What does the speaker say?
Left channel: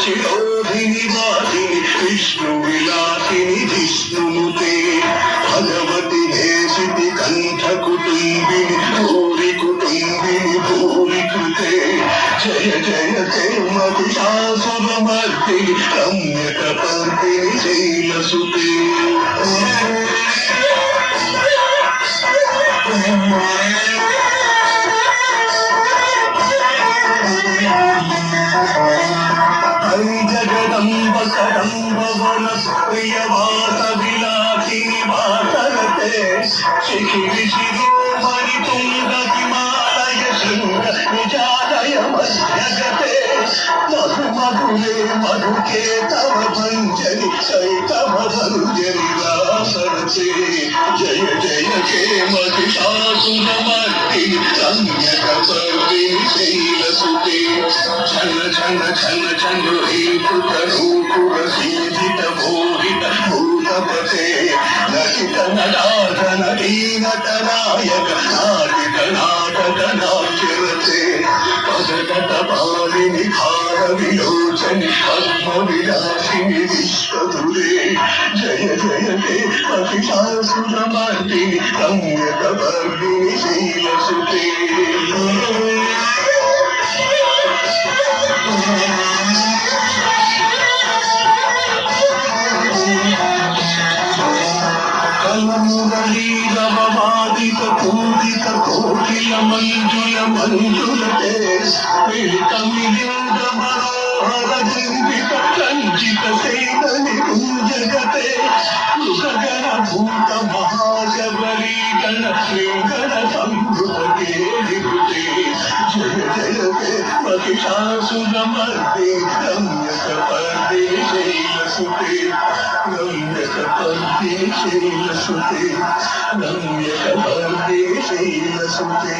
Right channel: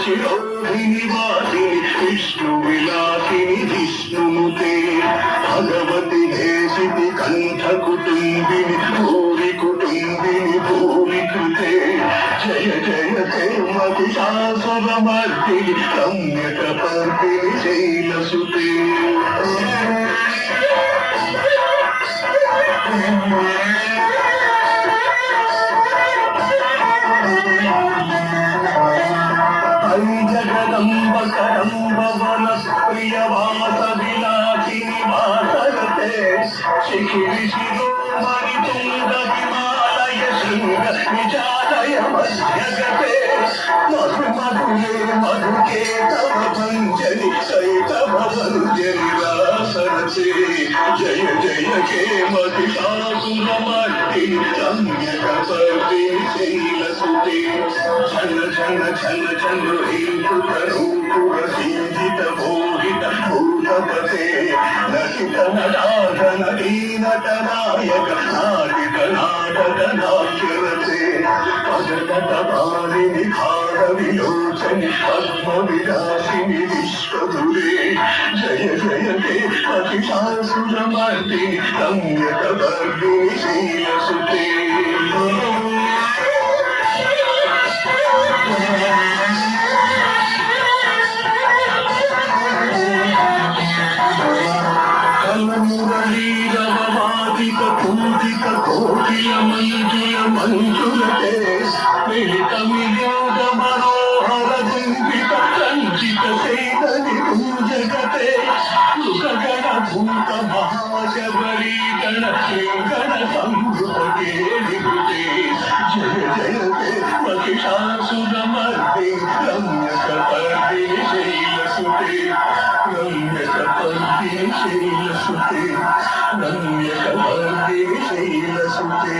शिरोधिनि वासिनि विष्णुविलासिनि जिष्णुनुते भगवति देशिति कण्ठकुटुम्बिनि भूरि कुटुम्बिनि भूरि कृते जय जयते महिषासुरमर्दिनि रम्यकपर्दिनि शैलसुते जगदम्ब कदम्ब वनप्रियवासविलासिनि वासरते शिखिरि शिरोमणि तुङ्ग हिमालय शृङ्ग निजालय मध्यगते मधु मधुरे मधुके तव भञ्जनि चैतव भञ्जनि रासरते जय जय हे महिषासुरमर्दिनि रम्यकपर्दिनि शैलसुते छन छन छन छन रूप सीधित मोहित भूतपते नटित नटाधन दीनत नायक नाटित नाटक नाट्यरते पदकट पालिनि भार विलोचनि पद्म विलासिनि विश्वधुरे जय जय हे महिषासुरमर्दिनि रम्यकपर्दिनि शैलसुते कलमुरलीरववादित पूजित कोकिल मंजुल मंजुलते पीड़ित वियोग मनोहर जंगित रंजित सेदनि कुंजगते गगन भूत महाशबरी गण श्रीगण संभृते निवृते जय जय हे महिषासुरमर्दिनि रम्यकपर्दिनि शैलसुते रम्यकपर्दिनि शैलसुते रम्यकपर्दिनि शैलसुते